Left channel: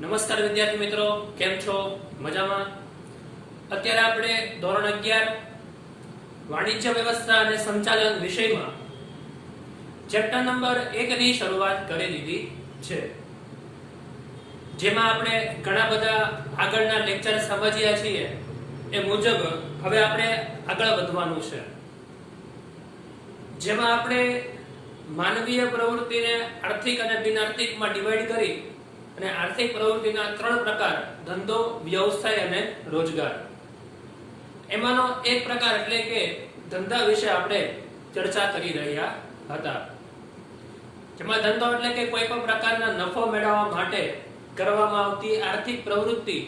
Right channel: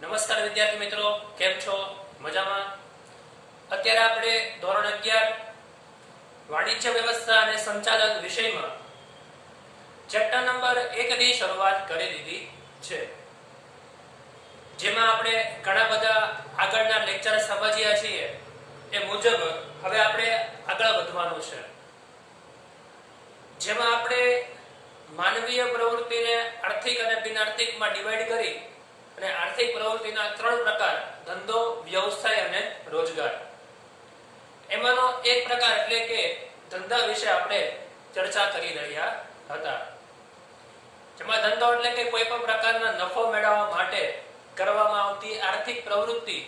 નમસ્કાર વિદ્યાર્થી મિત્રો, કેમ છો? મજામાં? અત્યારે આપણે ધોરણ 11 વાણિજ્ય વ્યવસ્થા અને સંચાલન વિષયમાં ચેપ્ટર નંબર 1 ની શરૂઆત કરી દીધી છે, જેમાં આપણે ઘણા બધા આગળના લેક્ચર સમજ્યા છીએ એ મુજબ હવે આપણે આગળ વધવાનું છે, જેમાં આપણે માનવીય પ્રવૃત્તિને આર્થિક અને બિનઆર્થિકમાં ડિવાઈડ કરી અને આર્થિક પ્રવૃત્તિના 3 પ્રકાર ધંધો, વ્યવસાય અને રોજગાર. એમાંનો એક પ્રકાર એટલે કે ધંધા વિશે આપણે ચર્ચા કરી રહ્યા હતા, જેમાં ધંધો એટલે કે કોઈ પણ પ્રકારના નફો મેળવવા માટે કરવામાં આવતી આર્થિક પ્રવૃત્તિ,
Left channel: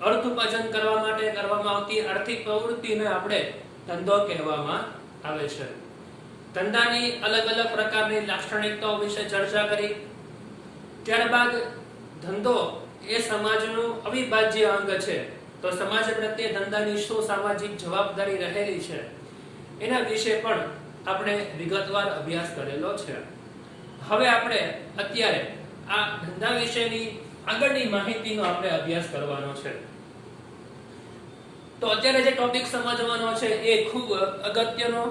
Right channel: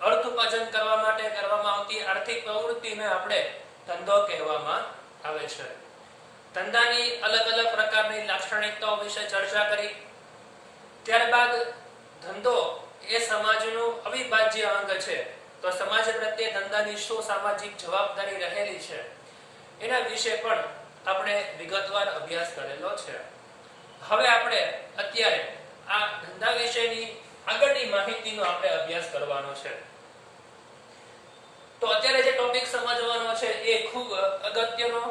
અર્થ ઉપાર્જન કરવા માટે કરવામાં આવતી આર્થિક પ્રવૃત્તિને આપણે ધંધો કહેવામાં આવે છે. ધંધાની અલગ અલગ પ્રકારની લાક્ષણિકતાઓ વિશે ચર્ચા કરી. ત્યારબાદ ધંધો એ સમાજનું અવિભાજ્ય અંગ છે, તો સમાજ પ્રત્યે ધંધાની શું સામાજિક જવાબદારી રહેલી છે એના વિશે પણ આપણે વિગતવાર અભ્યાસ કરેલો છે. હવે આપણે અત્યારે આ ધંધા વિશેની આગળની માહિતીનો આપણે અભ્યાસ કરવાનો છે. તો અત્યારે જે ટોપિક સમજવાનો છે એ ખૂબ અગત્યનો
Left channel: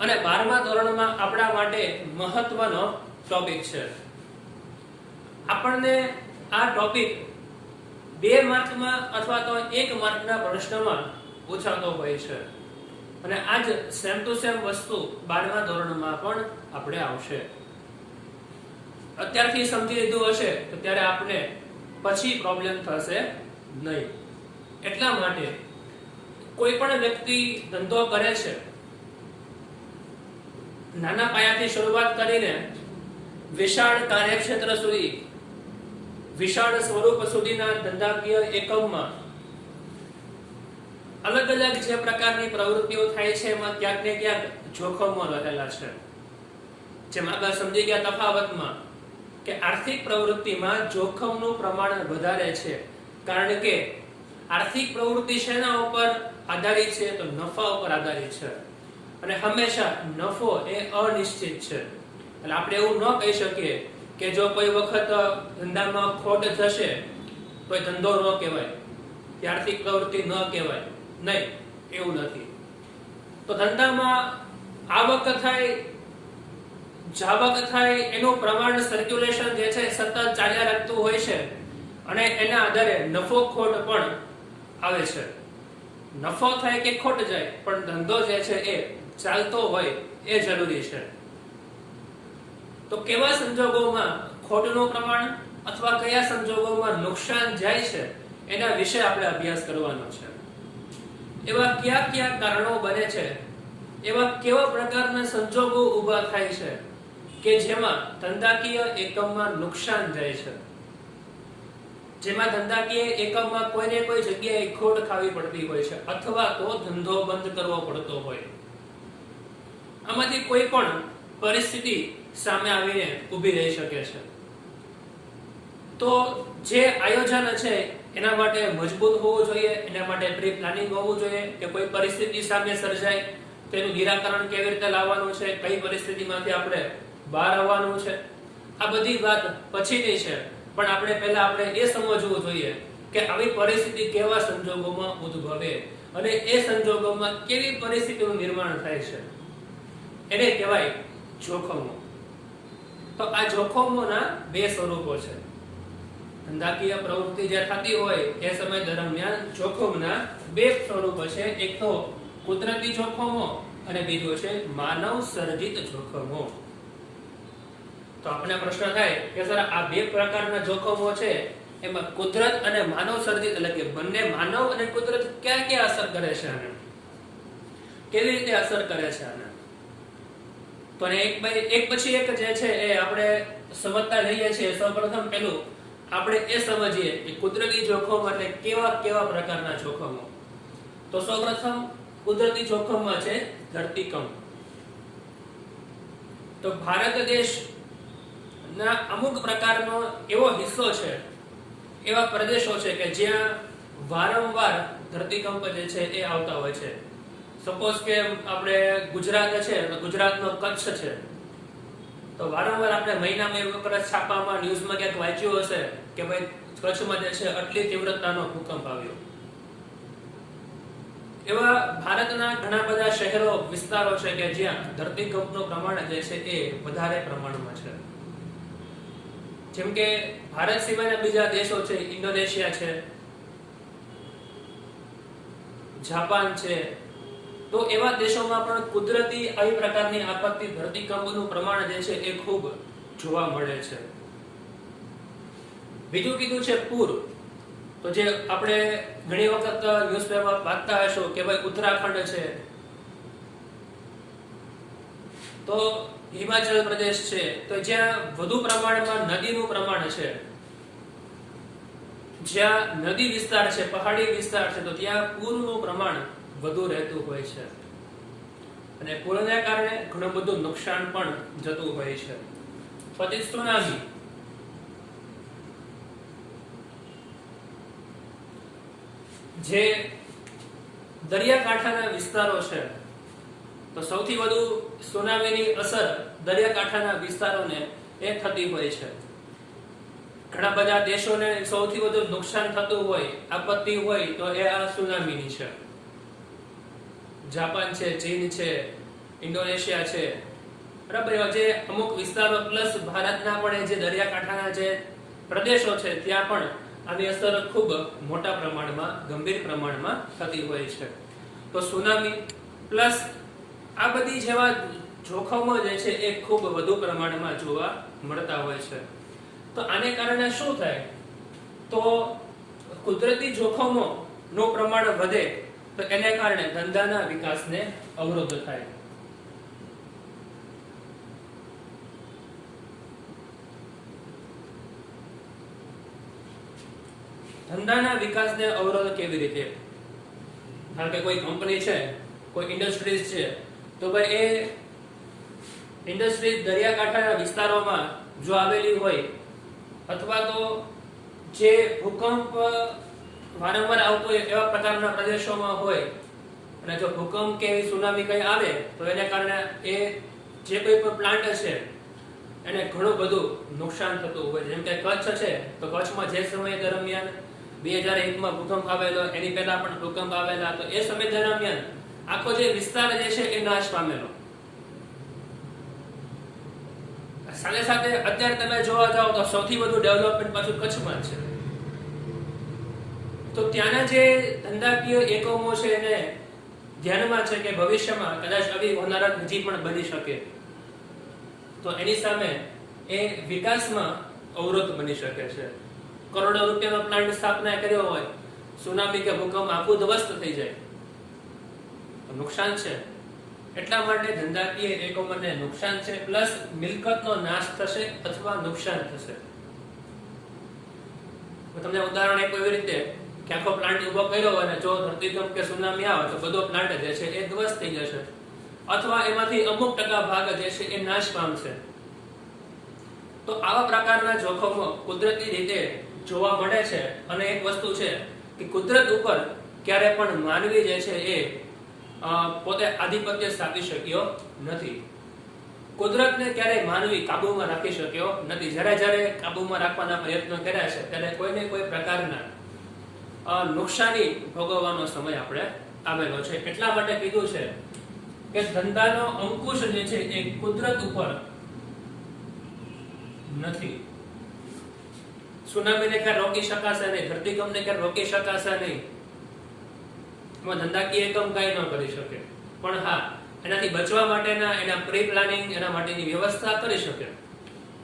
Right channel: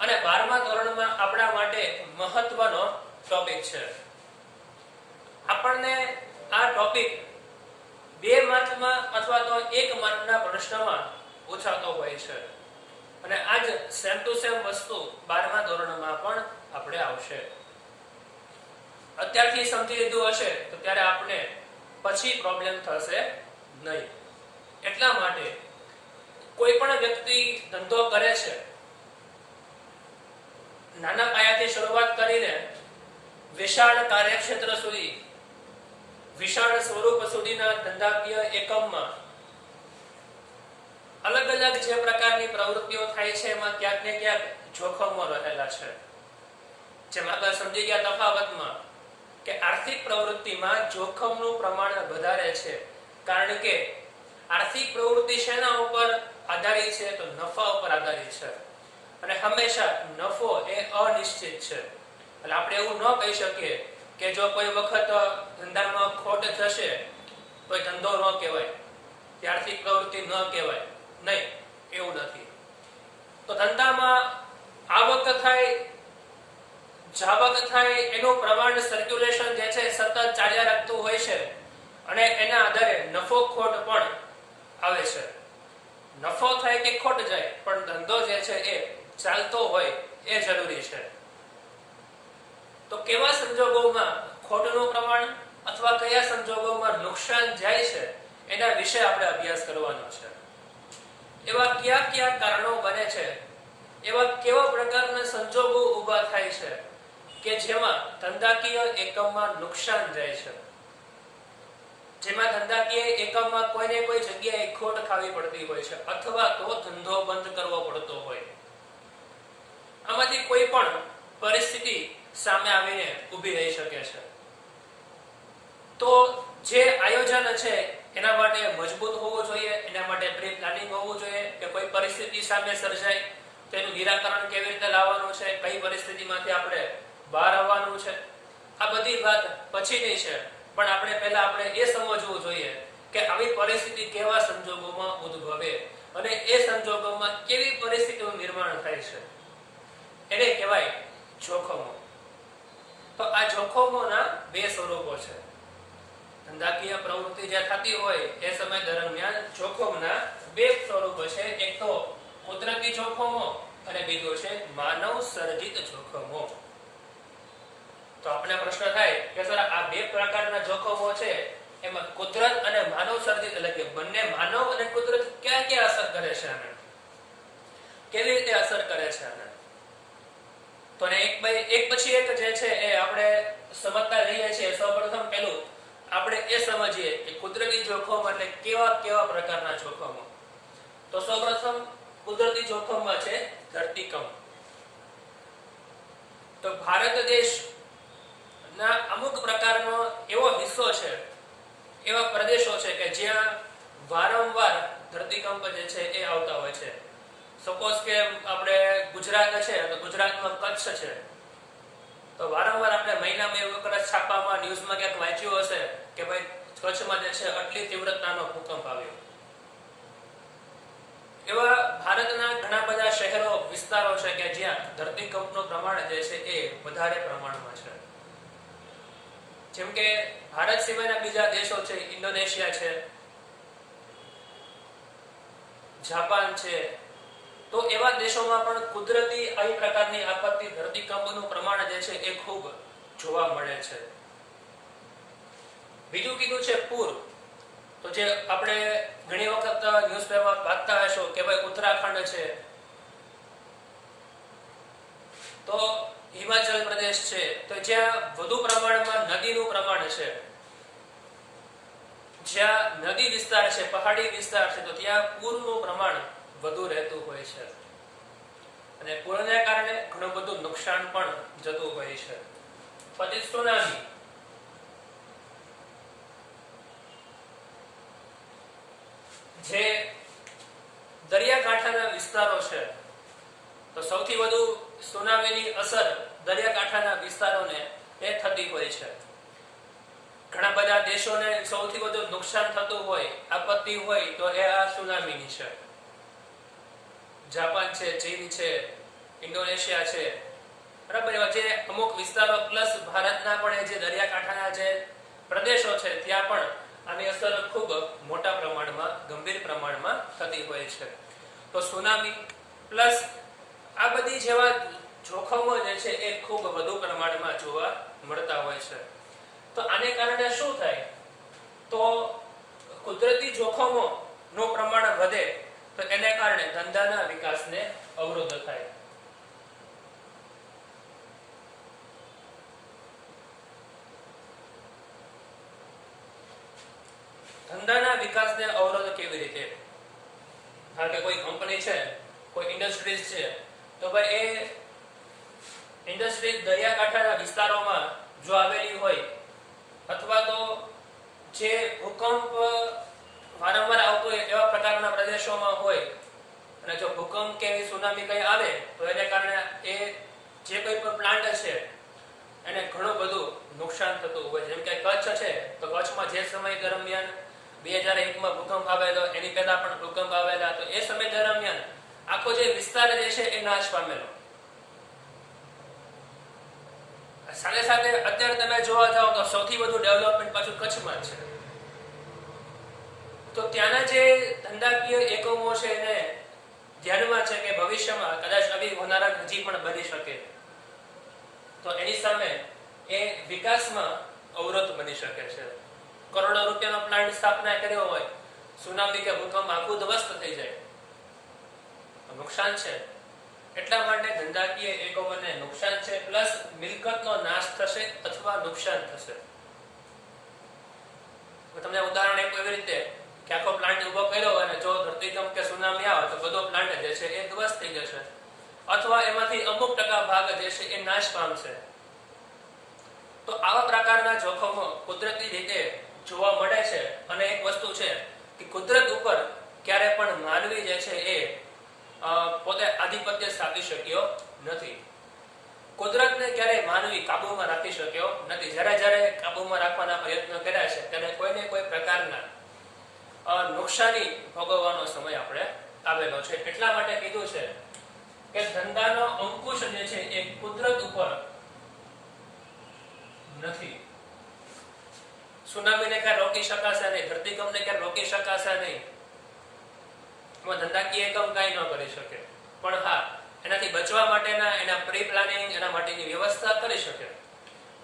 અને 12મા ધોરણમાં આપણા માટે મહત્વનો ટોપિક છે. આપણને આ ટોપિક 2 માર્કમાં અથવા તો 1 માર્કના પ્રશ્નમાં પૂછાતો હોય છે, અને આ જ સેમ ટુ સેમ વસ્તુ 12મા ધોરણમાં પણ આપણે આવશે. અત્યારથી સમજી લીધું હશે તો ત્યારે આપણે પછી પ્રોબ્લેમ થશે નહીં. એટલા માટે કોઈ પણ વ્યક્તિ ધંધો કરે છે, નાના પાયાથી શરૂઆત કરીને વિશાળ કાર્યક્ષેત્ર સુધી, વિશાળ સ્વરૂપ સુધીના ધંધાકીય એકમમાં અલગ અલગ જે પ્રકારની પ્રવૃત્તિઓ થાય છે એમાં ક્યાંક ને ક્યાંક જોખમો રહેલા છે. જેમ આગળ સમજી ગયા તફાવતમાં કે આર્થિક પ્રવૃત્તિમાં જોખમનું પ્રમાણ વધારે છે, કારણ કે આર્થિક પ્રવૃત્તિ શેના ઉપર આધારિત છે? તો નફા ઉપર આધારિત છે, અને હંમેશા નફો એ અનિશ્ચિત છે. એટલે આપણે એવું ન કહી શકીએ કે જો કોઈ વખત ધંધામાં ખોટ થશે તો ધંધો ન કહેવાય, કે આર્થિક પ્રવૃત્તિ ન કહેવાય. નહીં, એવું નથી. તો ધંધામાં આવક થાય, જાવક થાય, એનું પ્રમાણ, સર્ક્યુલેશન જે છે સતત ચાલ્યા રાખતું હોય છે, અને એના આધારે નફો ખોટ પણ આવે છે. નફો થાય કે ખોટ જાય, પણ ધંધો જે છે એ ચાલતો હોય એ જરૂરી છે. તો કેવા સંજોગોમાં ખોટનું પ્રમાણ અથવા કયા સંજોગોમાં નુકસાન જાય છે એના વિશે આપણે અભ્યાસ કરવાનો છે. એવા કયા કયા કારણો બને છે, એવા કેવા પ્રકારના સંજોગો ઊભા થાય છે કે જેમાં ધંધાકીય એકમમાં નુકસાન જાય છે, જેમાં ધંધાકીય એકમમાં કોઈને કોઈ જગ્યાએ ખોટ ખાવી પડતી હોય છે, અથવા તો ધંધો બંધ કરવો પડતો હોય. આમાંથી કોઈ પણ પરિસ્થિતિ સામે આવીને ઊભી રહી શકે છે. તો જે આયોજન છે એના માટે મજબૂત હોવું જોઈએ, એના માટે પ્રી પ્લાનિંગ હોવું જોઈએ કે કોઈ પરિસ્થિતિ સામે સર્જાય તેનું નિરાકરણ કેવી રીતે લાવવાનું છે, કઈ પરિસ્થિતિમાંથી આપણે બહાર આવવાનું છે. આ બધી વાત પછીની છે, પણ આપણે પહેલા આપણે એ સમજવું જોઈએ કે આવી પરિસ્થિતિ કેવા સંજોગોમાં ઉદ્ભવે અને એ સંજોગોમાં કેવી પરિસ્થિતિનું નિર્માણ થાય છે, એને કહેવાય જોખમો. તો આ જોખમોના 2 સ્વરૂપો છે. ધંધાકીય પ્રવૃત્તિ જે થતી હોય એ સમય દરમિયાન જોખમના 2 સ્વરૂપો છે. એક તો કુદરતી જોખમો અને બીજો છે માનવ સર્જિત જોખમો. તો આપણે પ્રશ્ન થાય કે સર આ 2 પ્રકારના જોખમો છે એમાં કુદરત અને માનવ સર્જિત એટલે કે બંને માનવ અને કુદરત ક્યાં ક્યાં અસર કરે છે, આને કેવી રીતે અસર કરે છે આને? તો એક પછી એક જે છે એ આપણે સમજતા રહીએ છીએ. સૌપ્રથમ પેલું આપણે એ સમજીએ કે કુદરતી જોખમ એટલે કેવા કેવા પ્રકારના જોખમો. તો સૌપ્રથમ કુદરતી જોખમમાં છે ધરતીકંપ. તો ભારત દેશ ના અમુક પ્રકારનો એવો હિસ્સો છે, એવા પ્રદેશો છે કે જ્યાં વારંવાર ધરતીકંપ જે છે એ આવતા હોય છે. સપોઝ કે આપણે ગુજરાત છે તો ગુજરાતમાં કચ્છ છે, તો વારંવાર આપણે મહિનામાં એક વખત છાપામાં ન્યૂઝમાં ક્યાંક વાંચ્યું હશે કે ભાઈ કચ્છમાં જે છે આટલી તીવ્રતાનો ભૂકંપ આવ્યો. એવા ભારતના ઘણા બધા શહેરો વિસ્તારો છે કે જ્યાં ધરતીકંપનું પ્રમાણ જે છે એ વધારે પ્રમાણમાં છે. જેમ કે ભારત સિવાયના બીજા દેશો છે, ઇન્ડોનેશિયા છે, જાપાન છે, તો એવા દેશોમાં પણ કુદરતી આવી પ્રકારની આપત્તિ ધરતીકંપનું પ્રમાણ જે છે એ ખૂબ જોવા મળે છે. બીજું કીધું છે પૂર. તો જે આપણે ઘણી વખત ન્યૂઝપેપર વાંચતા હશો કે ભાઈ ઉત્તરાખંડ છે, તો હિમાચલ પ્રદેશ છે, તો જ્યાં વધુ પ્રમાણમાં નદીનું પ્રમાણ છે, જ્યાં નદી વિસ્તાર છે, પહાડી વિસ્તાર છે, તો ત્યાં પૂરનું પ્રમાણ વધુ રહેતું હોય છે અને પૂરને કારણે ઘણું બધું નુકસાન પણ જતું હોય છે. પછી સુનામી. જે દરિયાકાંઠાના વિસ્તારો છે, તો સૌથી વધુ સુનામીની અસર દરિયાકાંઠાના વિસ્તારોને એ થતી હોય છે. ઘણા બધા દેશોને સૌથી વધુ નુકસાન થતું હોય, આપત્તિ હોય તો એ આ સુનામીની છે. જાપાન છે, ચીન છે, ઇન્ડોનેશિયા છે, બરાબર. એવા જે અમુક વિસ્તારો પ્લસ ભારતના પણ જે દરિયાકાંઠાના જે પ્રદેશો છે ત્યાં પણ આની અસર ખૂબ મોટા પ્રમાણમાં, ગંભીર પ્રમાણમાં થતી હોય છે. તો સુનામી પ્લસ આ બધી જેવા જોખમો જે છે એ ખૂબ વધુ પ્રમાણમાં જોવા મળતા હોય છે. તો આને કારણે શું થાય? તો કુદરતી જોખમો નું પ્રમાણ વધે તો એને કારણે ધંધાના વિકાસને અવરોધ થાય. ધંધાના વિકાસને અવરોધ કેવી રીતે? કારણ કે કોઈ કંપની છે, કોઈ ઇન્ડસ્ટ્રીઝ છે, તો ભાઈ એ ઇન્ડસ્ટ્રીઝ દરિયાકાંઠાના વિસ્તારોમાં જો આવેલી હોય અથવા તો જે ભૂકંપ વારંવાર આવતો હોય એવા પ્રકારના પ્રદેશોમાં હોય અને જો ભૂકંપ કે સુનામી કઈ આવે તો એને કારણે એ જે કોઈ પણ પ્લાન્ટ છે એને ઘણું બધું નુકસાન થતું હોય. જેમ કે કચ્છ છે, તો કચ્છમાં જે સમય દરમિયાન 2001માં ભૂકંપ આવેલો, એની પહેલા પણ ભૂકંપ આવેલા, તો એ સમય દરમિયાન આખો જે વિસ્તાર જે છે એ નાશ પામેલો. સાથે સાથે અત્યારે તમે જોવા જાઓ તો સૌથી વધુ ડેવલપમેન્ટ પાછું કચ્છમાં છે. તો ત્યાંના જે ધંધાકીય એકમો છે એને ધ્યાનમાં છે કે ભવિષ્યમાં કદાચ આવી હોનારત હજી પણ બની શકે, તો એની સામે એ વિકાસમાં અવરોધ બની શકે છે. કરોડો રૂપિયાનો પ્લાન્ટ સ્થાપના કર્યો હોય, સુનામી કે ભૂકંપ આખું ધ્વસ્ત થઈ જાય તો નુકસાન છે. એટલા માટે ધંધાકીય એકમોને નુકસાન છે, પ્લસ મિલકતનો નાશ થશે અથવા નુકસાન થશે. તમને ઉદાહરણ આપ્યું એવી રીતે કે આખો પ્લાન્ટ ઉભો કર્યો અને જો ધરતીકંપ કે સુનામી આવે તો બધો પ્લાન્ટ જે છે એ ધ્વસ્ત થઈ જશે અથવા એમાંથી અમુક ટકા ભાગ જે છે એ નાશ પામશે. તો આવા પ્રકારના જોખમો કુદરતી રીતે જોવા મળે છે. અને એક વસ્તુ છે કે કુદરત ઉપર ક્યારે પણ માનવી જે છે એ પોતે આધિપત્ય સ્થાપી શક્યો નથી. કુદરતને ક્યારેય માનવી કાબુમાં રાખી શક્યો નથી. જ્યારે કાબુમાં રાખવાના પ્રયત્નો કર્યા છે ત્યારે કોઈને કોઈ પ્રકારના નુકસાની ભોગવવાનો સમય આપણે આવેલો છે. એટલા માટે કીધું છે કે ધંધાનો અંકુશ જે છે એ કુદરત ઉપર નથી. સુનામીને ક્યારે રોકી શકાશે નહીં, ધરતીકંપને ક્યારે રોકી શકાશે નહીં, એમાં ધંધાકીય એકમ કઈ ન કરી શકે. પણ હા, એનાથી બચવા માટેના એના પ્રી પ્લાનિંગ, એના માટેની વ્યવસ્થા કરી શકે.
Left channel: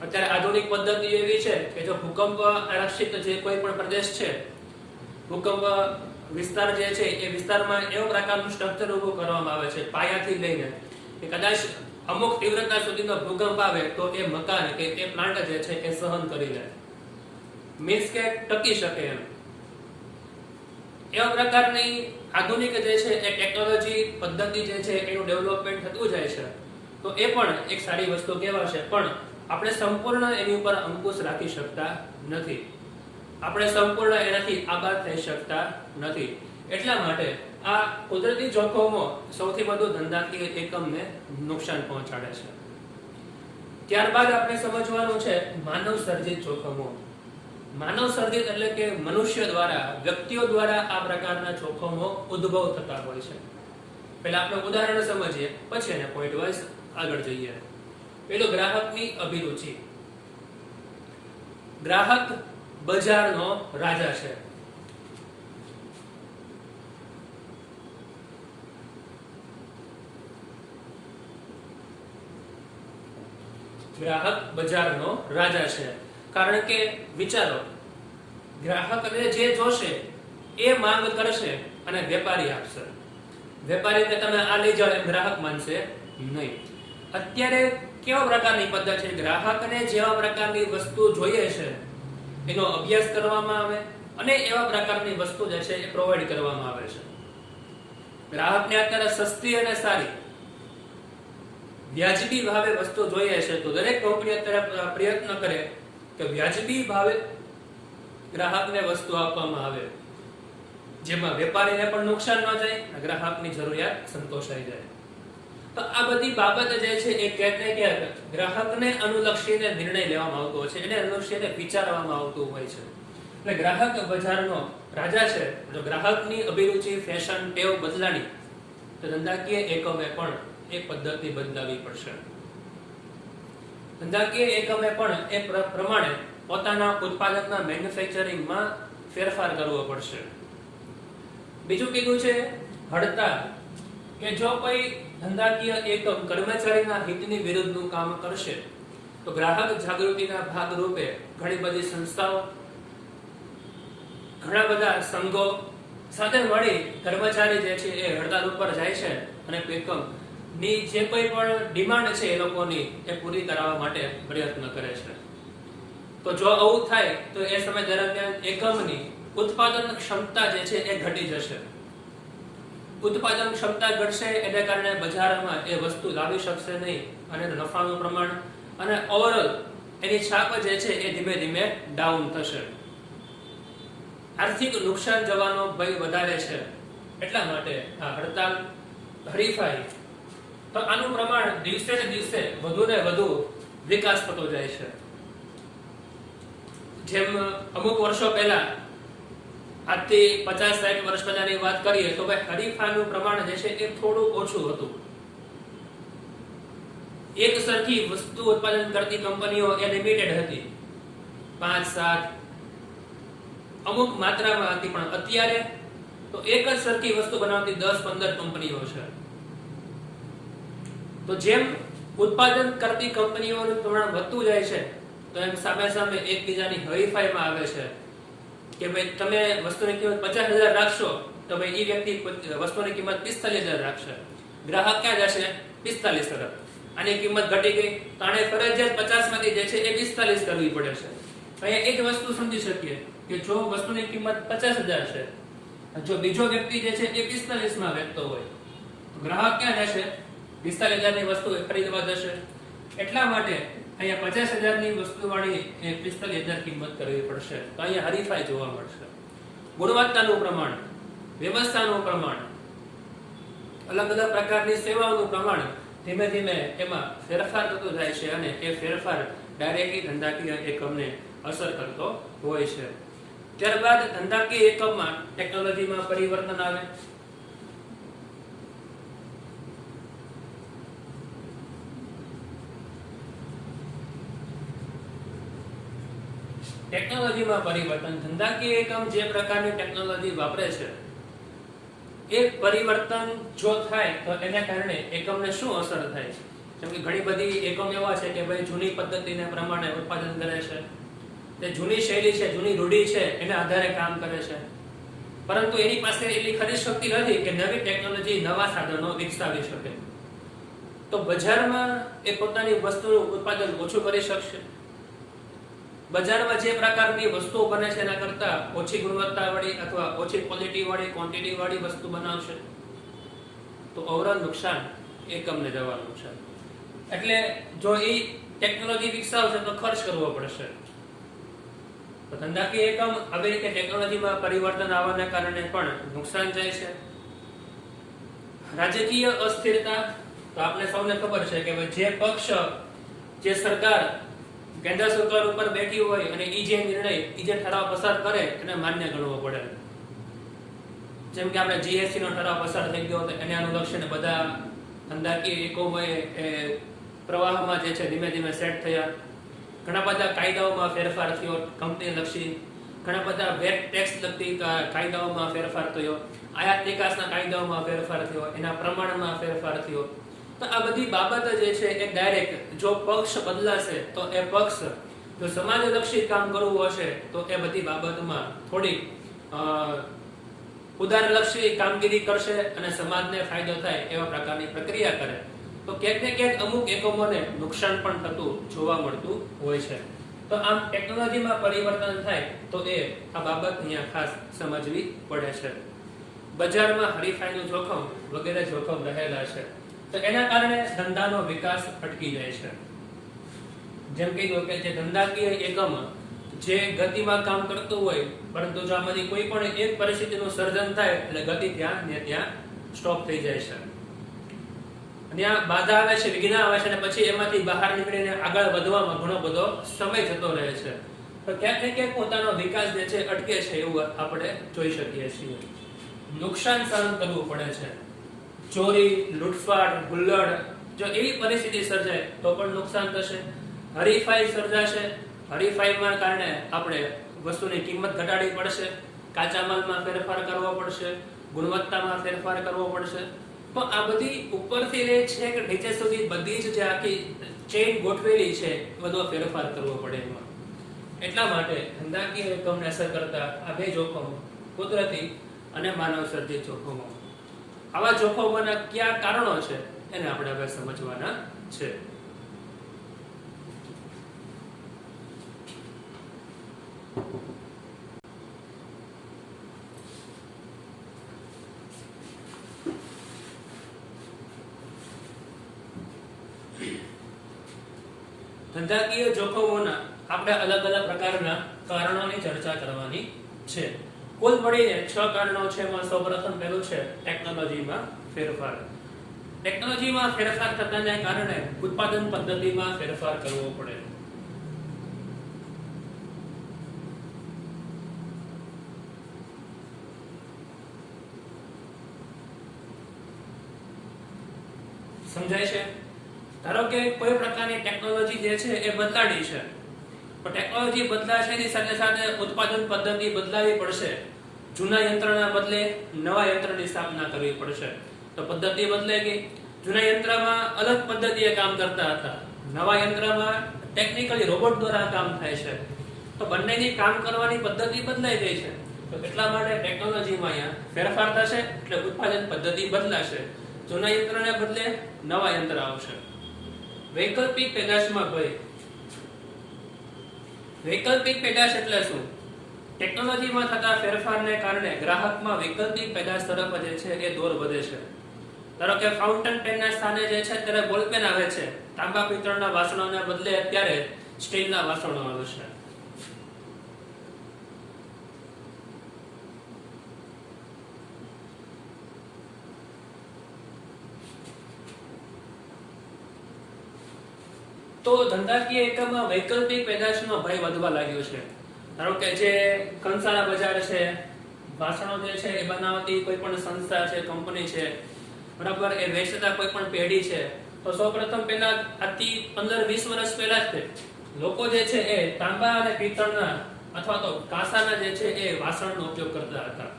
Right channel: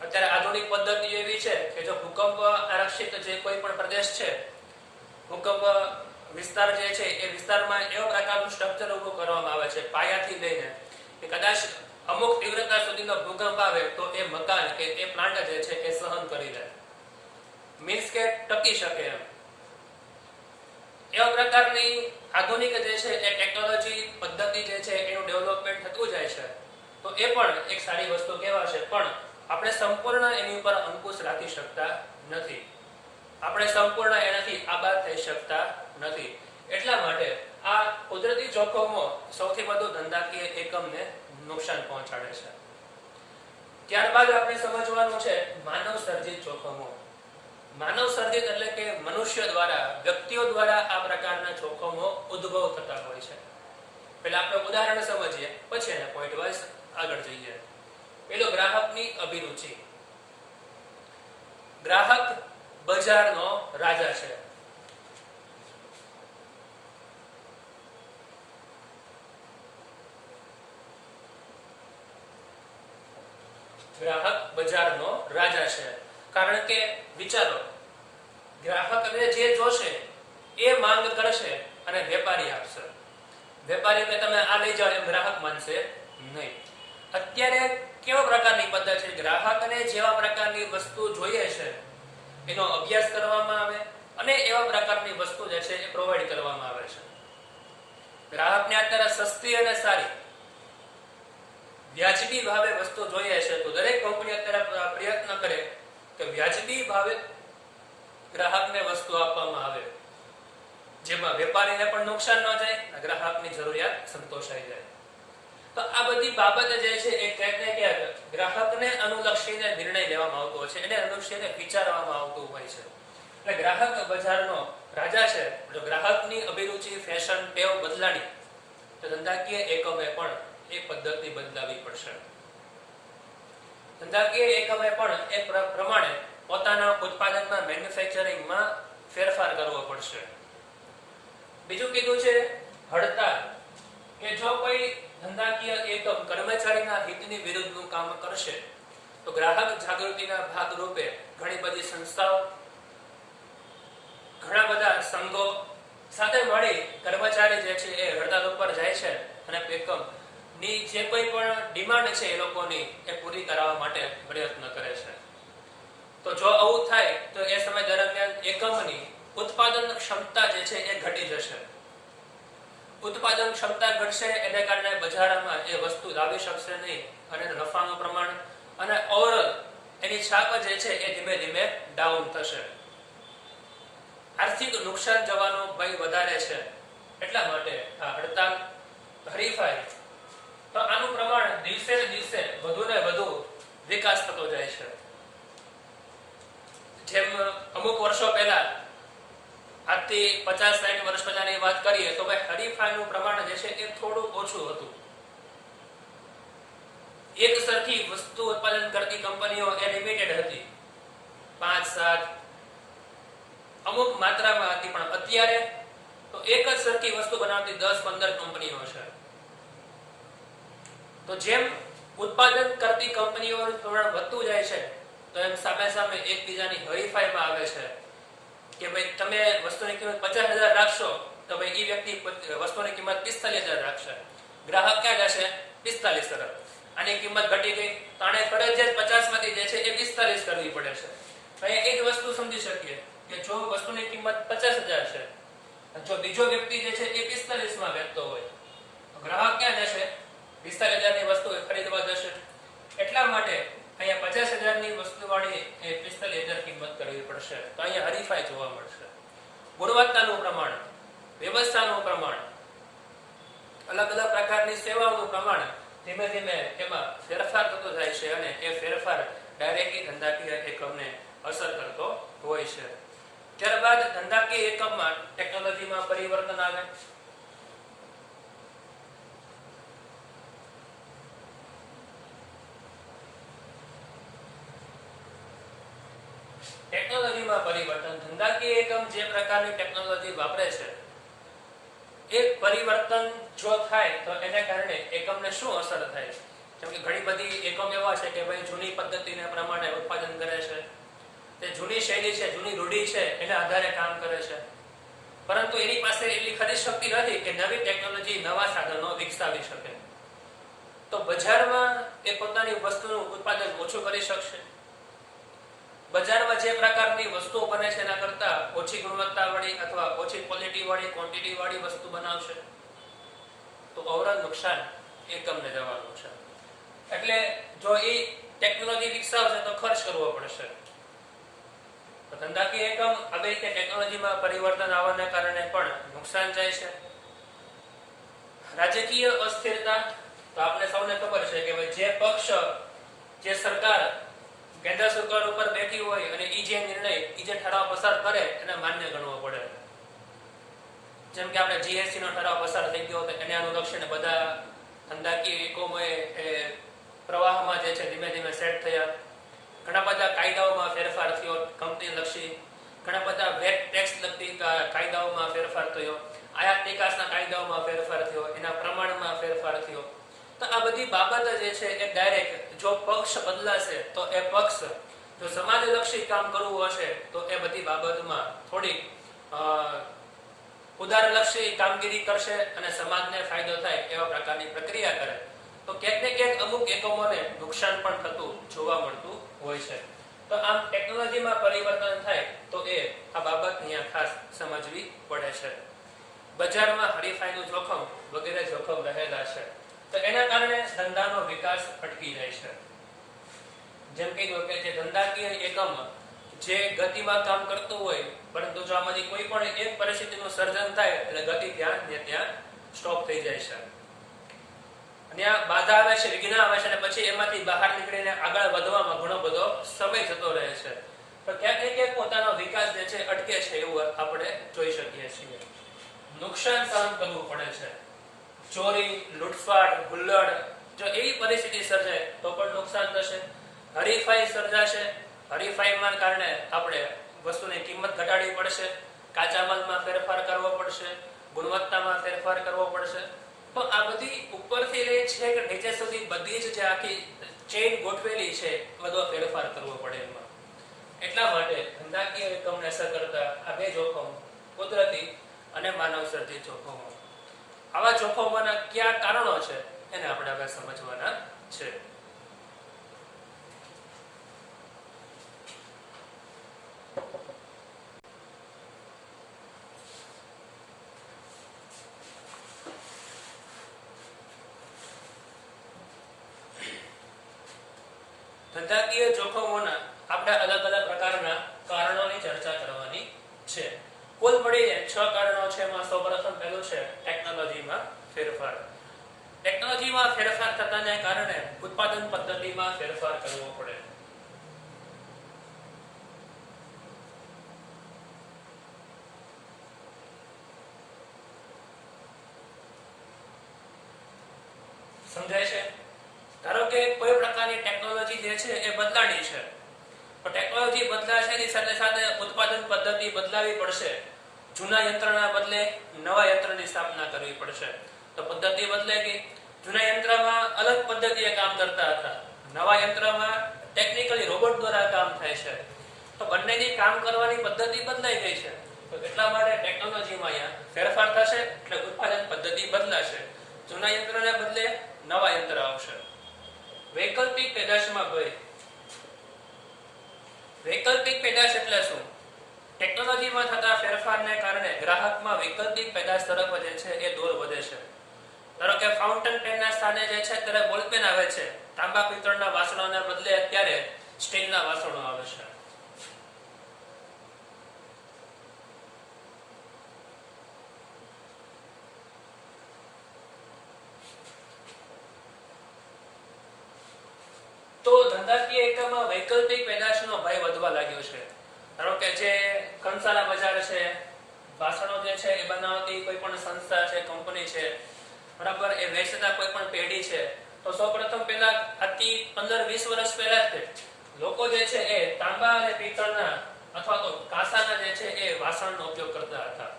અત્યારે આધુનિક પદ્ધતિ એવી છે કે જો ભૂકંપ આરક્ષિત જે કોઈ પણ પ્રદેશ છે, ભૂકંપ વિસ્તાર જે છે એ વિસ્તારમાં એવા પ્રકારનું સ્ટ્રક્ચર ઉભું કરવામાં આવે છે પાયાથી લઈને કે કદાચ અમુક તીવ્રતા સુધીનો ભૂકંપ આવે તો એ મકાન કે એ પ્લાન્ટ જે છે એ સહન કરી જાય, મીન્સ કે ટકી શકે એમ. એવા પ્રકારની આધુનિક જે છે એ ટેકનોલોજી પદ્ધતિ જે છે એનું ડેવલપમેન્ટ થતું જાય છે. તો એ પણ એક સારી વસ્તુ કહેવાશે. પણ આપણે સંપૂર્ણ એની ઉપર અંકુશ રાખી શકતા નથી, આપણે સંપૂર્ણ એનાથી આબાદ થઈ શકતા નથી. એટલા માટે આ કુદરતી જોખમો સૌથી વધુ ધંધાકીય એકમને નુકસાન પહોંચાડે છે. ત્યારબાદ આપણે સમજવાનું છે માનવ સર્જિત જોખમો. માનવ સર્જિત એટલે કે મનુષ્ય દ્વારા, વ્યક્તિઓ દ્વારા આ પ્રકારના જોખમો ઉદ્ભવ થતા હોય છે. પહેલા આપણે ઉદાહરણ સમજીએ, પછી એને પોઈન્ટ વાઇઝ આગળ જઈએ. પેલું ગ્રાહકની અભિરુચિ. ગ્રાહક બજારનો રાજા છે. ગ્રાહક બજારનો રાજા છે, કારણ કે વિચારો, ગ્રાહકને જે જોશે એ માંગ કરશે અને વેપારી આપશે. વેપારીને તમે આ લઈ જાઓ એમ ગ્રાહક માનશે નહીં. અત્યારે કેવા પ્રકારની પદ્ધતિ છે, ગ્રાહકને જેવા પ્રકારની વસ્તુ જોઈએ છે એનો અભ્યાસ કરવામાં આવે અને એવા પ્રકારની વસ્તુ જે છે એ પ્રોવાઈડ કરવામાં આવે છે. ગ્રાહકને અત્યારે સસ્તી અને સારી વ્યાજબી ભાવે વસ્તુ જોઈએ છે, તો દરેક કંપની અત્યારે પ્રયત્ન કરે કે વ્યાજબી ભાવે ગ્રાહકને વસ્તુ આપવામાં આવે, જેમાં વેપારીને પણ નુકસાન ન જાય, ગ્રાહકની જરૂરિયાત સંતોષાઈ જાય. તો આ બધી બાબત જે છે એ ક્યાંક ને ક્યાંક ગ્રાહકને અનુલક્ષીને નિર્ણય લેવામાં આવતો હોય છે, એને અનુલક્ષીને વિચારવામાં આવતું હોય છે. એટલે ગ્રાહક બજારનો રાજા છે. જો ગ્રાહકની અભિરુચિ, ફેશન, ટેવ બદલાની, તો ધંધાકીય એકમે પણ એ પદ્ધતિ બદલાવી પડશે. ધંધાકીય એકમે પણ એ પ્રમાણે પોતાના ઉત્પાદકના મેન્યુફેક્ચરિંગમાં ફેરફાર કરવો પડશે. બીજું કીધું છે હડતાલ, કે જો કોઈ ધંધાકીય એકમ કર્મચારીના હિતની વિરુદ્ધનું કામ કરશે, તો ગ્રાહક જાગૃતિના ભાગરૂપે ઘણી બધી સંસ્થાઓ, ઘણા બધા સંઘો સાથે મળી કર્મચારી જે છે એ હડતાલ ઉપર જાય છે અને એકમ ની જે કોઈ પણ ડિમાન્ડ છે એ લોકોની એ પૂરી કરાવવા માટે પ્રયત્ન કરે છે. તો જો આવું થાય તો એ સમય દરમિયાન એકમની ઉત્પાદન ક્ષમતા જે છે એ ઘટી જશે. ઉત્પાદન ક્ષમતા ઘટશે, એને કારણે બજારમાં એ વસ્તુ લાવી શકશે નહીં અને નફાનું પ્રમાણ અને ઓવરઓલ એની છાપ જે છે એ ધીમે ધીમે ડાઉન થશે. આર્થિક નુકસાન જવાનો ભય વધારે છે. એટલા માટે આ હડતાલ, હરીફાઈ, તો આનું પ્રમાણ દિવસે ને દિવસે વધુ ને વધુ વિકાસ થતો જાય છે. જેમ અમુક વર્ષો પહેલા, આજથી 50-60 વર્ષ પહેલાની વાત કરીએ તો ભાઈ હરીફાઈનું પ્રમાણ જે છે એ થોડું ઓછું હતું. એક સરખી વસ્તુ ઉત્પાદન કરતી કંપનીઓ એ લિમિટેડ હતી, 5-7 અમુક માત્રામાં હતી. પણ અત્યારે તો એક જ સરખી વસ્તુ બનાવતી 10-15 કંપનીઓ છે. તો જેમ ઉત્પાદન કરતી કંપનીઓનું પ્રમાણ વધતું જાય છે, તો એમ સામે સામે એકબીજાની હરીફાઈમાં આવે છે કે ભાઈ તમે વસ્તુની કિંમત 50,000 રાખશો તો ભાઈ એ વ્યક્તિ વસ્તુની કિંમત 45,000 રાખશે. ગ્રાહક ક્યાં જશે? 45 તરફ. આની કિંમત ઘટી ગઈ તો આને ફરજિયાત 50 માંથી જે છે એ 45 કરવી પડે છે. અહીંયા એક વસ્તુ સમજી શકીએ કે જો વસ્તુની કિંમત 50,000 છે, જો બીજો વ્યક્તિ જે છે એ 45 માં વેચતો હોય, તો ગ્રાહક ક્યાં જશે? 45,000 ની વસ્તુ ખરીદવા જશે. એટલા માટે અહીંયા 50,000 ની વસ્તુ વાળી 45,000 કિંમત કરવી પડશે. તો અહીંયા હરીફાઈ જોવા મળશે. ગુણવત્તાનું પ્રમાણ, વ્યવસ્થાનું પ્રમાણ, અલગ અલગ પ્રકારની સેવાઓનું પ્રમાણ ધીમે ધીમે એમાં ફેરફાર થતો જાય છે અને એ ફેરફાર ડાયરેક્ટલી ધંધાકીય એકમને અસર કરતો હોય છે. ત્યારબાદ ધંધાકીય એકમમાં ટેકનોલોજીમાં પરિવર્તન આવે. ટેકનોલોજીમાં પરિવર્તન, ધંધાકીય એકમ જે પ્રકારની ટેકનોલોજી વાપરે છે એ પરિવર્તન જો થાય તો એને કારણે એકમને શું અસર થાય? જેમ કે ઘણી બધી એકમ એવા છે કે ભાઈ જૂની પદ્ધતિને પ્રમાણે ઉત્પાદન કરે છે, તે જૂની શૈલી છે, જૂની રૂઢી છે, એના આધારે કામ કરે છે, પરંતુ એની પાસે એટલી ખરીદ શક્તિ નથી કે નવી ટેકનોલોજી, નવા સાધનો વિકસાવી શકે. તો બજારમાં એ પોતાની વસ્તુનું ઉત્પાદન ઓછું કરી શકશે. બજારમાં જે પ્રકારની વસ્તુઓ બને છે એના કરતા ઓછી ગુણવત્તા વાળી અથવા ઓછી ક્વોલિટી વાળી, ક્વોન્ટિટી વાળી વસ્તુ બનાવશે. તો ઓવરઓલ નુકસાન એકમને જવાનું છે. એટલે જો એ ટેકનોલોજી વિકસાવશે તો ખર્ચ કરવો પડશે. તો ધંધાકીય એકમ આવી રીતે ટેકનોલોજીમાં પરિવર્તન આવવાને કારણે પણ નુકસાન જાય છે. રાજકીય અસ્થિરતા, તો આપણે સૌને ખબર છે કે ભાઈ જે પક્ષ, જે સરકાર કેન્દ્ર સરકાર ઉપર બેઠી હોય અને ઈ જે નિર્ણય, ઈ જે ઠરાવ પસાર કરે એને માન્ય ગણવો પડે. જેમ કે આપણે જીએસટી નો ઠરાવ પસાર થઈ ગયો તો એને અનુલક્ષીને બધા ધંધાકીય એકમોએ પ્રવાહમાં જે છે ધીમે ધીમે સેટ થયા. ઘણા બધા કાયદાઓમાં ફેરફાર થયો, કંપની લક્ષી ઘણા બધા વેટ ટેક્સ લગતી કાયદાઓમાં ફેરફાર થયો, આયાત નિકાસના કાયદાઓમાં ફેરફાર થયો, એના પ્રમાણમાં ફેરફાર થયો. તો આ બધી બાબત જે છે એ ડાયરેક્ટ જો પક્ષ બદલાશે તો એ પક્ષ જો સમાજલક્ષી કામ કરવું હશે તો એ બધી બાબતમાં થોડી ઉદારલક્ષી કામગીરી કરશે અને સમાજને ફાયદો થાય એવા પ્રકારની પ્રક્રિયા કરે તો ક્યાંક ને ક્યાંક અમુક એકમોને નુકસાન પણ થતું જોવા મળતું હોય છે. તો આમ ટેકનોલોજીમાં પરિવર્તન થાય તો એ આ બાબત અહીંયા ખાસ સમજવી પડે છે. બજારમાં હરીફાઈનું જોખમ વગેરે જોખમ રહેલા છે તો એના કારણે ધંધાનો વિકાસ અટકી જાય છે. જેમ કીધું કે જે ધંધાકીય એકમ જે ગતિમાં કામ કરતું હોય પરંતુ જો આમાંથી કોઈ પણ એક પરિસ્થિતિનું સર્જન થાય એટલે ગતિ ત્યાં ને ત્યાં સ્ટોપ થઈ જાય છે. અને આ બાધા આવે છે, વિઘ્ન આવે છે અને પછી એમાંથી બહાર નીકળીને આગળ વધવામાં ઘણો બધો સમય જતો રહે છે. તો ક્યાંક ને ક્યાંક પોતાનો વિકાસ જે છે અટકે છે એવું આપણે જોઈ શકીએ છીએ. નુકસાન સહન કરવું પડે છે. ચોરી, લૂંટફાટ, હુલ્લડ જો એવી પરિસ્થિતિ સર્જાય તો પણ નુકસાન થશે. હરીફાઈ સર્જાશે, હરીફાઈમાં કારણે આપણે વસ્તુની કિંમત ઘટાડવી પડશે, કાચા માલમાં ફેરફાર કરવો પડશે, ગુણવત્તામાં ફેરફાર કરવો પડશે. તો આ બધી ઉપરથી લઈ છે કે નીચે સુધી બધી જ જે આખી ચેઇન ગોઠવેલી છે બધો ફેરફાર કરવો પડે એમાં. એટલા માટે ધંધાકીય એકમને અસર કરતા આ બે જોખમ કુદરતી અને માનવ સર્જિત જોખમો. આવા જોખમોના કયા કારણો છે એને આપણે હવે સમજવાના છે. ધંધાકીય જોખમોના આપણે અલગ અલગ પ્રકારના કારણોની ચર્ચા કરવાની છે. કુલ મળીને 6 કારણો છે. એમાં સૌપ્રથમ પહેલું છે ટેકનોલોજીમાં ફેરફાર. ટેકનોલોજીમાં ફેરફાર થતાને કારણે ઉત્પાદન પદ્ધતિમાં ફેરફાર કરવો પડે. સમજાય છે? ધારો કે કોઈ પ્રકારની ટેકનોલોજી જે છે એ બદલાણી છે, તો ટેકનોલોજી બદલાશે એની સાથે સાથે ઉત્પાદન પદ્ધતિ બદલાવી પડશે. જૂના યંત્રના બદલે નવા યંત્રની સ્થાપના કરવી પડશે. તો પદ્ધતિ બદલાઈ ગઈ. જૂના યંત્રમાં અલગ પદ્ધતિએ કામ કરતા હતા, નવા યંત્રમાં ટેકનિકલી રોબોટ દ્વારા કામ થાય છે. તો બંનેની કામ કરવાની પદ્ધતિ બદલાઈ ગઈ છે. તો એટલા માટે ટેકનોલોજીમાં અહીંયા ફેરફાર થશે એટલે ઉત્પાદન પદ્ધતિ બદલાશે. જૂના યંત્રને બદલે નવા યંત્ર આવશે. વૈકલ્પિક પેદાશમાં ભય. વૈકલ્પિક પેદાશ એટલે શું? ટેકનોલોજીમાં થતા ફેરફારને કારણે ગ્રાહકમાં વૈકલ્પિક પેદાશ તરફ જે છે એ દોર વધે છે. ધારો કે ફાઉન્ટેન પેનના સ્થાને જે છે ત્યારે બોલપેન આવે છે, તાંબા પિત્તળના વાસણોને બદલે અત્યારે સ્ટીલના વાસણો આવે છે. તો ધંધાકીય એકમમાં વૈકલ્પિક પેદાશનો ભય વધવા લાગ્યો છે. ધારો કે જે કંસારા બજાર છે, વાસણો જે છે એ બનાવતી કોઈ પણ સંસ્થા છે, કંપની છે, બરાબર, એ વેચતા કોઈ પણ પેઢી છે, તો સૌપ્રથમ પહેલા આથી 15-20 વર્ષ પહેલા જ લોકો જે છે એ તાંબા અને પિત્તળના અથવા તો કાંસાના જે છે એ વાસણનો ઉપયોગ કરતા હતા.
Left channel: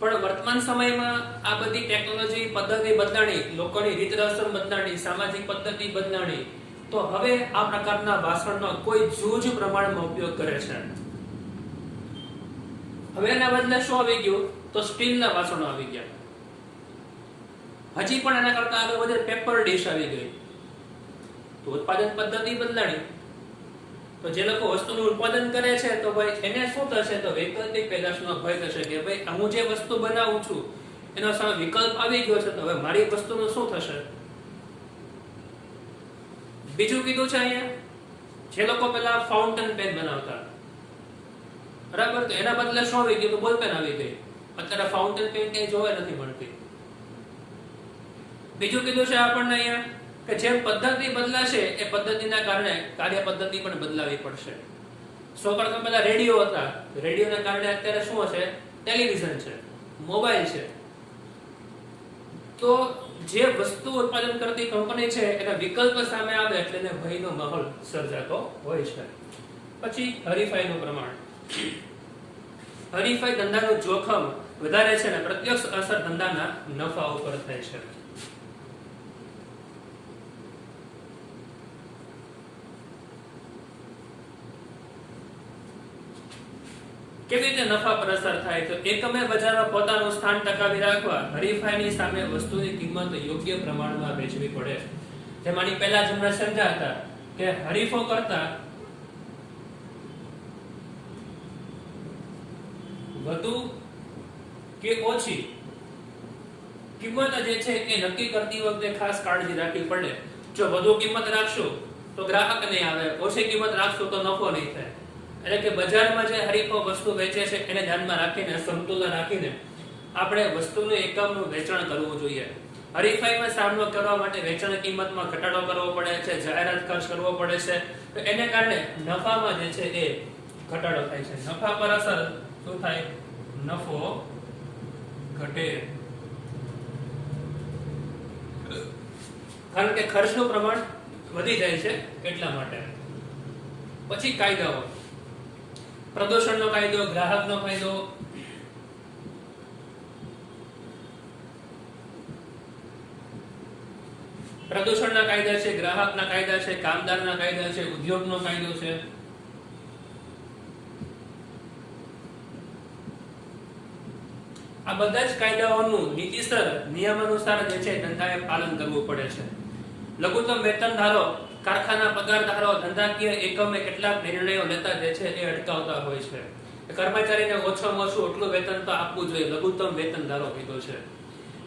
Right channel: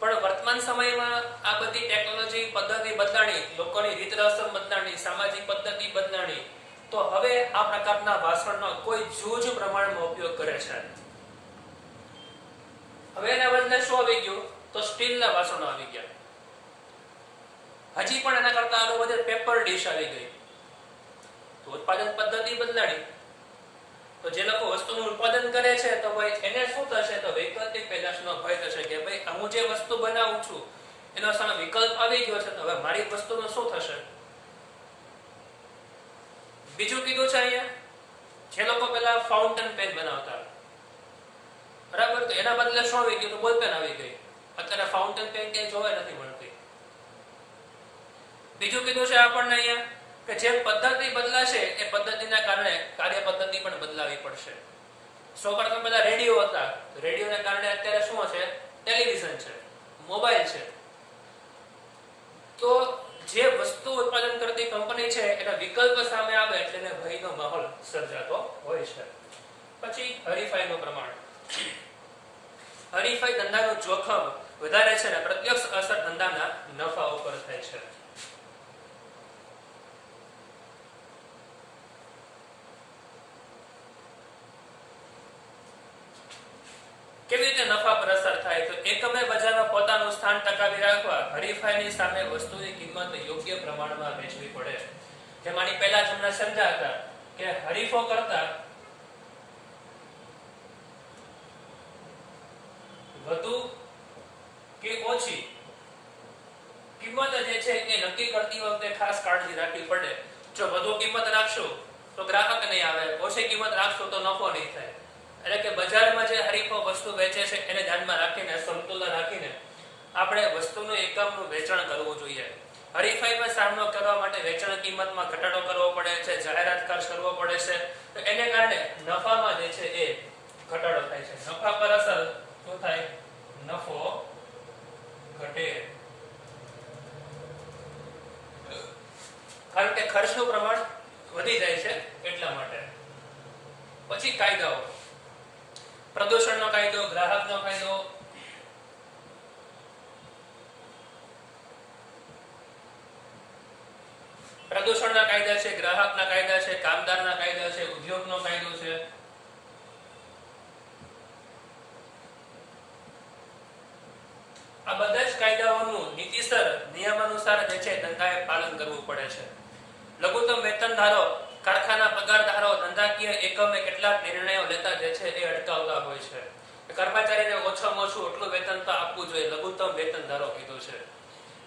પણ વર્તમાન સમયમાં આ બધી ટેકનોલોજી પદ્ધતિ બદલાણી, લોકોની રીત રસમ બદલાણી, સામાજિક પદ્ધતિ બદલાણી, તો હવે આ પ્રકારના વાસણનો કોઈ જૂજ પ્રમાણમાં ઉપયોગ કરે છે. હવે એના બદલે શું આવી ગયું? તો સ્ટીલના વાસણો આવી ગયા. હજી પણ એના કરતા આગળ વધે પેપર ડીશ આવી ગઈ. તો ઉત્પાદન પદ્ધતિ બદલાણી. તો જે લોકો વસ્તુનું ઉત્પાદન કરે છે તો ભાઈ એને શું થશે? તો વૈકલ્પિક પેદાશનો ભય થશે કે ભાઈ હું જે વસ્તુ બનાવું છું એનો સામે વિકલ્પ આવી ગયો છે, તો હવે મારી વસ્તુનું શું થશે? બીજું કીધું છે અહીંયા, જે લોકો પેલા ફાઉન્ટેન પેન બનાવતા, બરાબર, તો એના બદલે શું આવી ગયું? તો બોલપેન આવી ગઈ. અત્યારે ફાઉન્ટેન પેન ક્યાંય જોવા નથી મળતી. બીજું કીધું છે આપણને અહીંયા કે જેમ પદ્ધતિ બદલાશે એ પદ્ધતિના કારણે કાર્ય પદ્ધતિ પણ બદલાવી પડશે. સૌપ્રથમ બધા રેડિયો હતા, રેડિયોના કારણે અત્યારે શું છે? ટેલિવિઝન છે, મોબાઈલ છે. તો જે વસ્તુ ઉત્પાદન કરતી કંપની છે એના વિકલ્પ સામે આવે એટલે એને ભયનો માહોલ સર્જાતો હોય છે. પછી હરીફાઈનું પ્રમાણ. હરીફાઈ ધંધાનું જોખમ વધારે છે અને પ્રત્યક્ષ અસર ધંધાના નફા ઉપર થાય છે. કેવી રીતે નફા પર અસર થાય? તો એકમે બજારમાં પોતાનું સ્થાન ટકાવી રાખવા હરીફાઈની સામે વસ્તુની કિંમત યોગ્ય પ્રમાણમાં વેચવી પડે. જેમાંની પહેલા જ હમણાં સમજ્યા હતા કે હરીફો કરતા વધુ કે ઓછી કિંમત જે છે એ નક્કી કરતી વખતે ખાસ કાળજી રાખવી પડે. જો વધુ કિંમત રાખશો તો ગ્રાહક નહીં આવે, ઓછી કિંમત રાખશો તો નફો નહીં થાય. એટલે કે બજારમાં જે હરીફો વસ્તુ વેચે છે એને ધ્યાનમાં રાખીને, સમતુલન રાખીને આપણે વસ્તુનું એકમનું વેચાણ કરવું જોઈએ. હરીફાઈમાં સામનો કરવા માટે વેચાણ કિંમતમાં ઘટાડો કરવો પડે છે, જાહેરાત ખર્ચ કરવો પડે છે. તો એને કારણે નફામાં જે છે એ ઘટાડો થાય છે. નફા પર અસર શું થાય? નફો ઘટે. કારણ કે ખર્ચનું પ્રમાણ વધી જાય છે એટલા માટે. પછી કાયદાઓ. પ્રદૂષણનો કાયદો, ગ્રાહકનો કાયદો, પ્રદૂષણના કાયદા છે, ગ્રાહકના કાયદા છે, કામદારના કાયદા છે, ઉદ્યોગનો કાયદો છે. આ બધા જ કાયદાઓનું નીતિસર નિયમાનુસાર જે છે ધંધાએ પાલન કરવું પડે છે. લઘુત્તમ વેતનધારો, કારખાના પગારધારો ધંધાકીય એકમે કેટલાક નિર્ણયો લેતા જે છે એ અટકાવતા હોય છે. કર્મચારીને ઓછામાં ઓછું એટલું વેતન તો આપવું જોઈએ, લઘુત્તમ વેતનધારો કીધું છે.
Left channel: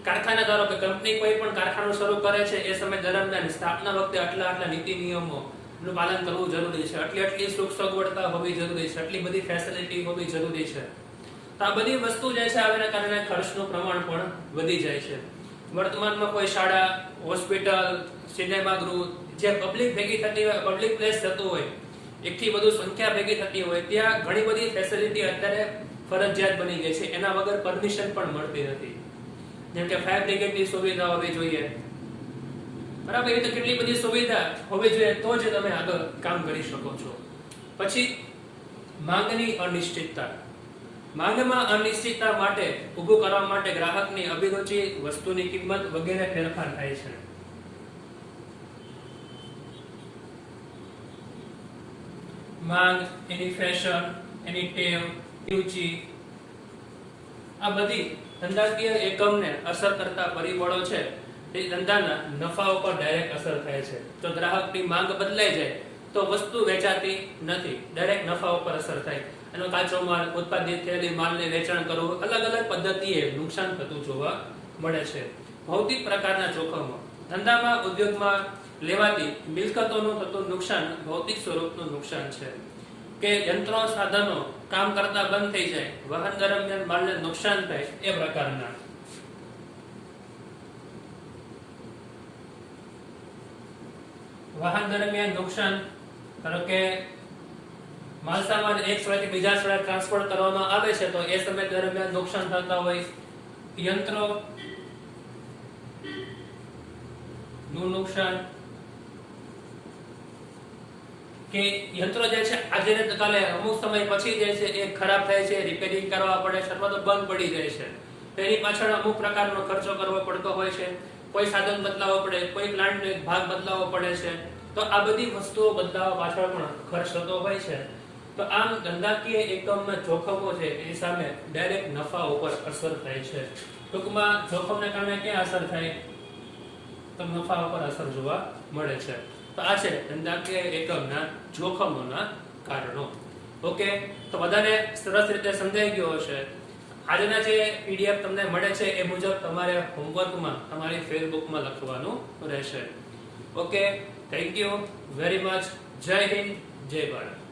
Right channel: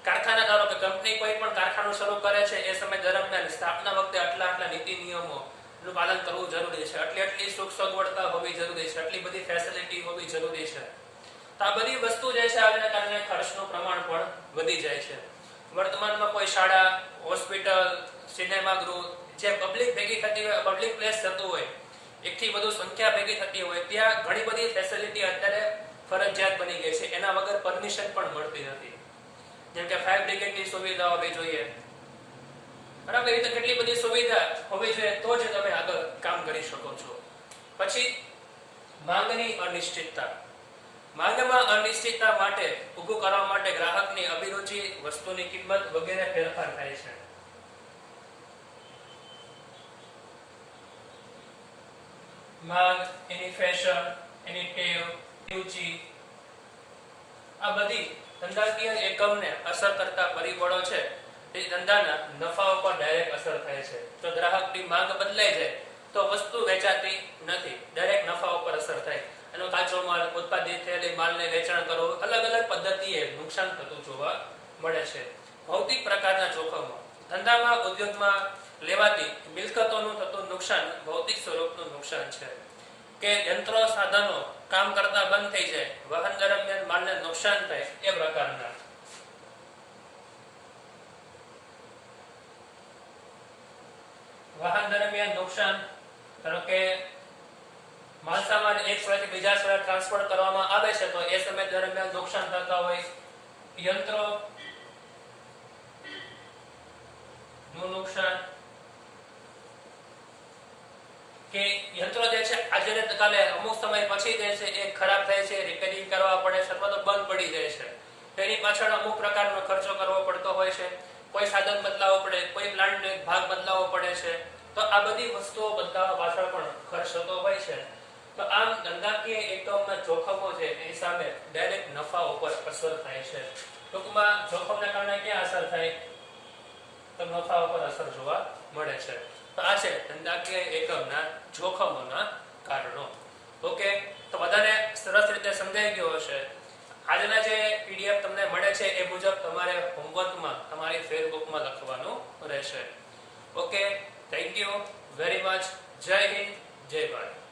કારખાના ધારો કે કંપની કોઈ પણ કારખાનું શરૂ કરે છે એ સમય દરમિયાન સ્થાપના વખતે આટલા નીતિ નિયમોનું પાલન કરવું જરૂરી છે. આટલી સુખ સગવડતા હોવી જરૂરી છે, આટલી બધી ફેસિલિટી હોવી જરૂરી છે. તો આ બધી વસ્તુ જે છે આના કારણે ખર્ચનું પ્રમાણ પણ વધી જાય છે. વર્તમાનમાં કોઈ શાળા, હોસ્પિટલ, સિનેમા ગૃહ જે પબ્લિક ભેગી થતી હોય, પબ્લિક પ્લેસ થતું હોય, એકથી વધુ સંખ્યા ભેગી થતી હોય, ત્યાં ઘણી બધી ફેસિલિટી અત્યારે ફરજિયાત બની ગઈ છે. એના વગર પરમિશન પણ મળતી નથી. જેમ કે ફાયર બ્રિગેડની સુવિધા હોવી જોઈએ, બરાબર? એ તો કેટલી બધી સુવિધા હોવી જોઈએ તો જ તમે આગળ કામ કરી શકો છો. પછી માંગની અનિશ્ચિતતા. માંગમાં અનિશ્ચિતતા માટે ઊભું કરવા માટે ગ્રાહકની અભિરુચિ, વસ્તુની કિંમત વગેરે ફેરફાર થાય છે. માંગ, એની ફેશન, એની ટેવ, રુચિ, આ બધી ધંધાકીય એકમને અસર કરતા પરિબળો છે. તે ધંધાના નફા ઉપર ડાયરેક્ટ અસર થાય છે. જો ગ્રાહકની માંગ બદલાઈ જાય તો વસ્તુ વેચાતી નથી, ડાયરેક્ટ નફા ઉપર અસર થાય. એનો કાચો માલ, ઉત્પાદિત થયેલી માલને વેચાણ કરવું, અલગ અલગ પદ્ધતિએ નુકસાન થતું જોવા મળે છે. ભૌતિક પ્રકારના જોખમો. ધંધામાં, ઉદ્યોગમાં લેવાતી મિલકતોનું થતું નુકસાન ભૌતિક સ્વરૂપનું નુકસાન છે. કે યંત્રો, સાધનો કામ કરતા બંધ થઈ જાય, વાહન દરમિયાન માલને નુકસાન થાય, એ પ્રકારના. વાહન દરમિયાન નુકસાન, ધારો કે માલસામાન એક સ્થળેથી બીજા સ્થળે ટ્રાન્સફર કરવામાં આવે છે તો એ સમય દરમિયાન નુકસાન થતા હોય. યંત્રો નું નુકસાન, કે યંત્રો જે છે આજે ને કાલે અમુક સમય પછી જે છે એ ખરાબ થાય છે, રિપેરિંગ કરવા પડે છે અથવા તો બંધ પડી જાય છે. તેની પાછળ અમુક પ્રકારનો ખર્ચો કરવો પડતો હોય છે. કોઈ સાધન બદલાવવો પડે, કોઈ પ્લાન્ટનો એક ભાગ બદલાવવો પડે છે. તો આ બધી વસ્તુઓ બદલાવવા પાછળ પણ ખર્ચ થતો હોય છે. તો આમ ધંધાકીય એકમના જોખમો છે એની સામે ડાયરેક્ટ નફા ઉપર અસર થાય છે. ટૂંકમાં જોખમને કારણે ક્યાં અસર થાય? તો નફા ઉપર અસર જોવા મળે છે. તો આ છે ધંધાકીય એકમના જોખમોના કારણો. ઓકે, તો બધાને સરસ રીતે સમજાઈ ગયો હશે. આજના જે પીડીએફ તમને મળે છે એ મુજબ તમારે હોમવર્કમાં તમારી ફેસબુકમાં લખવાનું રહેશે. Okay, thank you very much. જય હિન્દ, જય ભારત.